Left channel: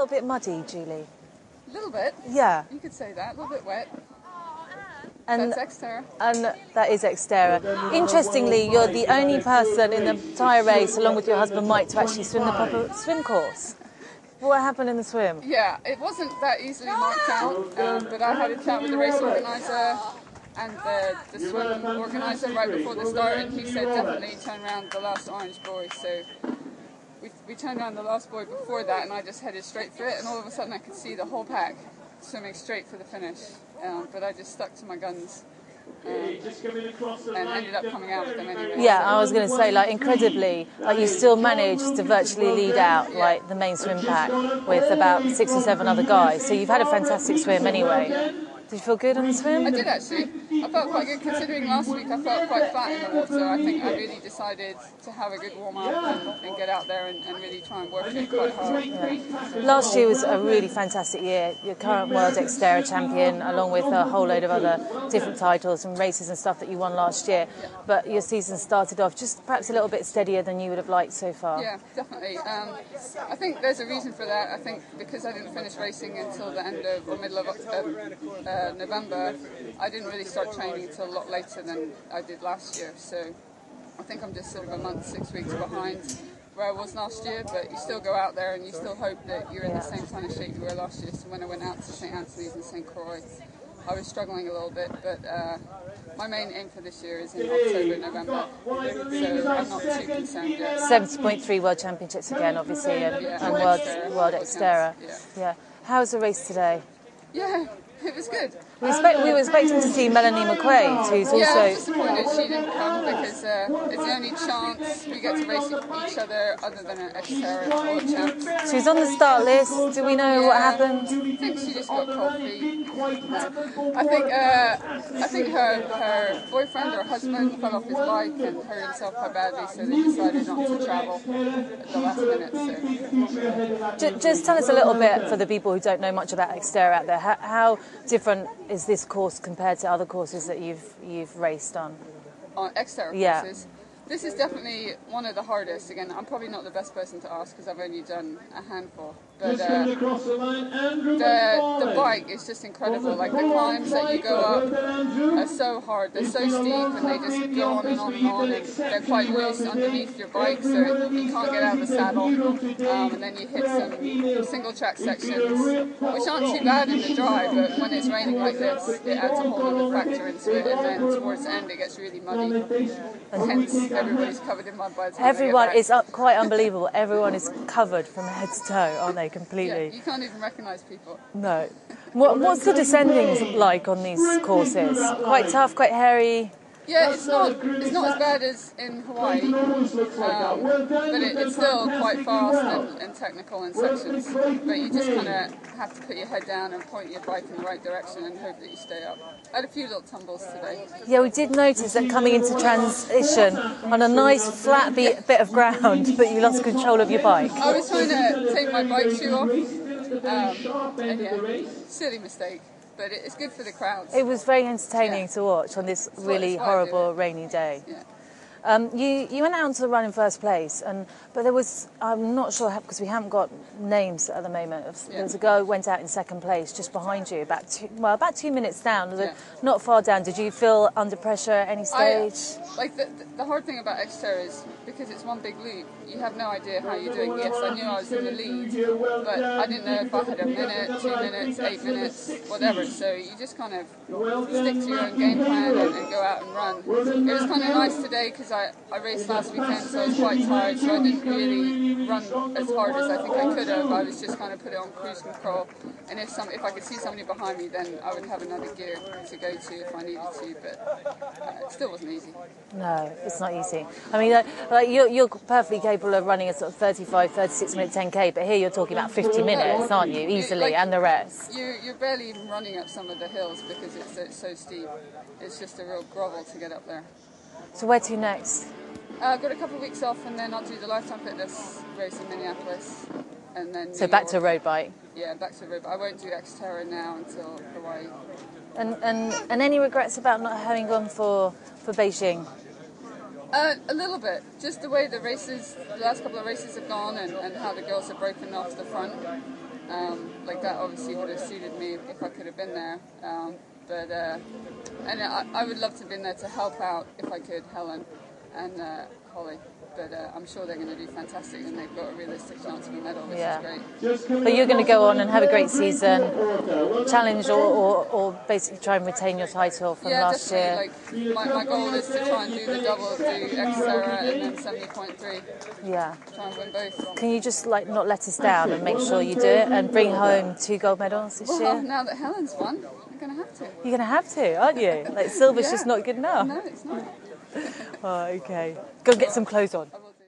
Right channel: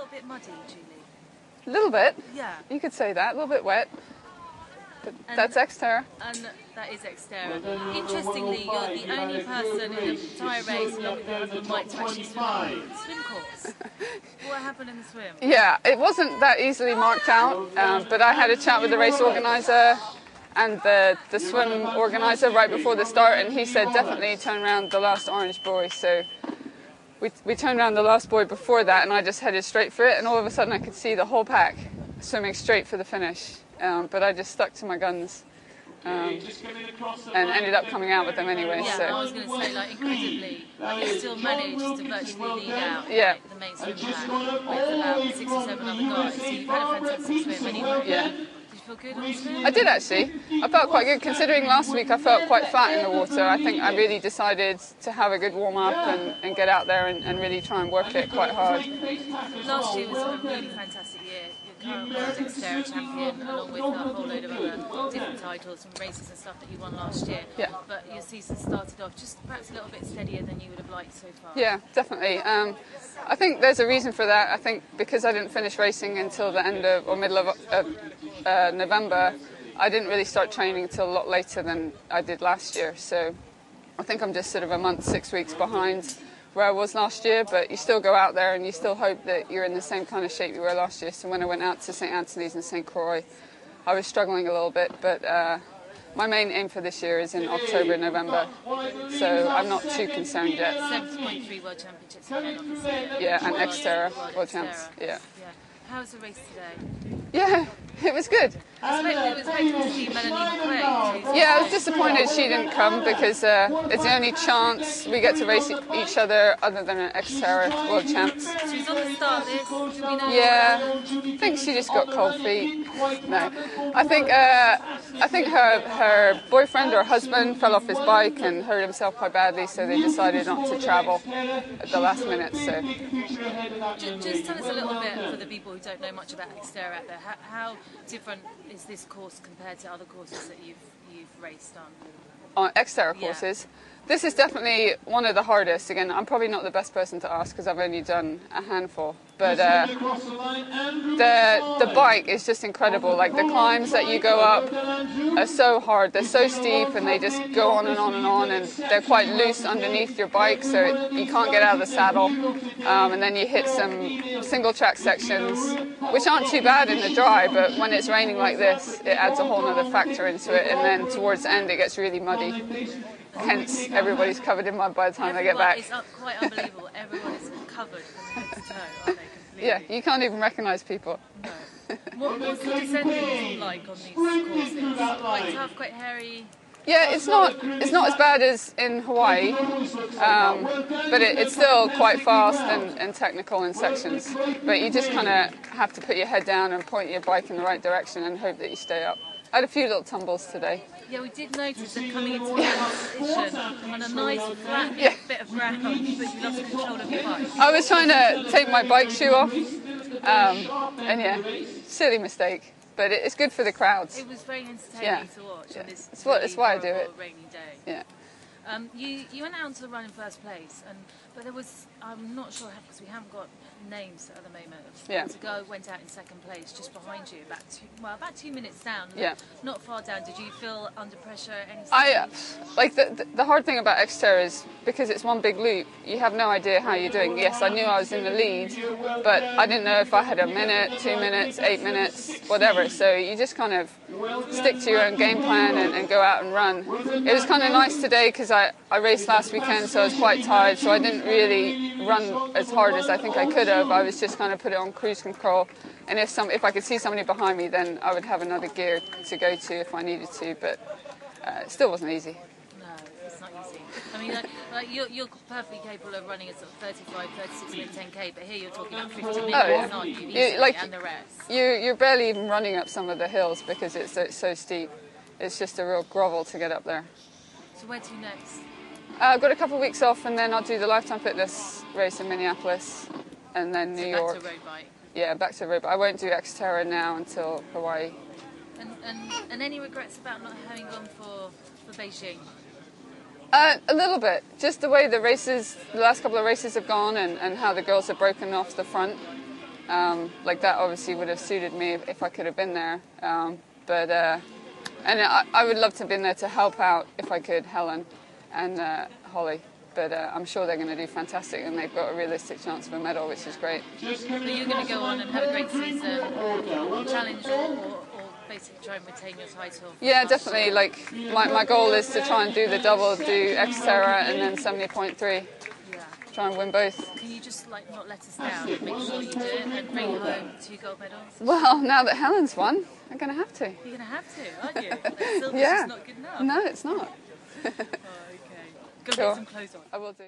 little bit muddy, Julie? A little bit. Yeah. You could say that. A little bit wet. But that's Xterra. And that is Xterra. Interestingly, you're the only person in the entire race, along with your husband Mike, to actually swim the proper swim course. What happened in the swim? Yeah, it wasn't that easily marked out, but I had a chat with the race organiser and the swim organiser right before the start, and he said definitely turn around the last orange buoy. So we turned around the last buoy before that, and I just headed straight for it, and all of a sudden I could see the whole pack swimming straight for the finish. But I just stuck to my guns and ended up coming out with them anyway. Yeah, so. I was going to say, like, incredibly, like, you still managed to virtually lead out like the main swim pack with about 6 or 7 other guys. So you've had a fantastic swim anyway. Yeah. Did you feel good on the swim? I did actually. I felt quite good considering last week I felt quite flat in the water. I think I really decided to have a good warm up and get out there and really try and work it quite hard. Yeah. Last year was a really fantastic year. Your current world Xterra champion, along with a whole load of other different titles and races and stuff that you won last year. Yeah. But your season started off just perhaps a little bit steadier than you would have liked so far. Yeah, definitely. I think there's a reason for that. I think because I didn't finish racing until the end of or middle of November, I didn't really start training until a lot later than I did last year. So I think I'm just sort of a month, 6 weeks behind where I was last year, but you still go out there and you still hope that you're in the same kind of shape you were last year. So when I went out to St Anthony's and St Croix, I was struggling a little bit, but my main aim for this year is in October, November, so I'm not too concerned yet. 70.3 World Championships again, obviously, and Xterra, World Xterra. Yeah. How was the race today? Yeah. It was good. We were expecting to see Melanie McQuaid, who's also... Yeah, I was disappointed she didn't come because it's the only chance we get to race each other than an Xterra World Champs. She was on the start list. Do we know what happened? I think she just got cold feet. No, I think her boyfriend or husband fell off his bike and hurt himself quite badly, so they decided not to travel at the last minute. So, just tell us a little bit for the people who don't know much about Xterra out there. How different is this course compared to other courses that you've raced on? On Xterra courses? This is definitely one of the hardest. Again, I'm probably not the best person to ask because I've only done a handful. But the bike is just incredible. Like the climbs that you go up are so hard. They're so steep and they just go on and on and on. And they're quite loose underneath your bike, so you can't get out of the saddle. And then you hit some single track sections, which aren't too bad in the dry, but when it's raining like this, it adds a whole other factor into it. And then towards the end, it gets really muddy. Hence, everybody's covered in mud by the time they get back. It's quite unbelievable. Everyone is covered from head to toe, aren't they, completely? Yeah, you can't even recognise people. No. What's the descending like on these courses? Quite tough, quite hairy? Yeah, it's not as bad as in Hawaii, but it's still quite fast and technical in sections. But you just kind of have to put your head down and point your bike in the right direction and hope that you stay up. I had a few little tumbles today. Yeah, we did notice that coming into transition on a nice flat bit of ground, but you lost control of your bike. I was trying to take my bike shoe off, and yeah, silly mistake. But it's good for the crowds. It was very entertaining to watch on this really horrible rainy day. Yeah. You went out onto the run in first place, but there was, I'm not sure, because we haven't got names at the moment. There was a girl who went out in second place just behind you, about 2 minutes down, not far down. Did you feel under pressure at any stage? The hard thing about Xterra is because it's one big loop, you have no idea how you're doing. Yes, I knew I was in the lead, but I didn't know if I had a minute, 2 minutes, 8 minutes, whatever. So you just kind of stick to your own game plan and go out and run. It was kind of nice today because I raced last weekend, so I was quite tired, so I didn't really run as hard as I think I could have. I was just kind of put it on cruise control, and if I could see somebody behind me, then I would have another gear to go to if I needed to, but it still wasn't easy. No, it's not easy. I mean, you're perfectly capable of running a sort of 35, 36-minute 10K, but here you're talking about 50 minutes, aren't you, easily, and the rest? You're barely even running up some of the hills because it's so steep. It's just a real grovel to get up there. So where to next? I've got a couple of weeks off, and then I'll do the Lifetime Fitness race in Minneapolis, and then New York. Back to road bike? Yeah, back to road bike. I won't do Xterra now until Hawaii. And any regrets about not having gone for Beijing? A little bit. Just the way the last couple of races have gone and how the girls have broken off the front. Like that obviously would have suited me if I could have been there. And I would love to have been there to help out if I could, Helen and Holly. But I'm sure they're going to do fantastic, and they've got a realistic chance of a medal, which is great. But you're going to go on and have a great season, challenge or basically try and retain your title from last definitely. year. Like my goal is to try and do the double, do Xterra and then 70.3. Yeah. Try and win both. Can you just not let us down and make sure you do it and bring home 2 gold medals this year? Well, now that Helen's won, I'm going to have to. You're going to have to, aren't you? Like silver's just not good enough. No, it's not. Oh, okay. Go get some clothes on. I will do.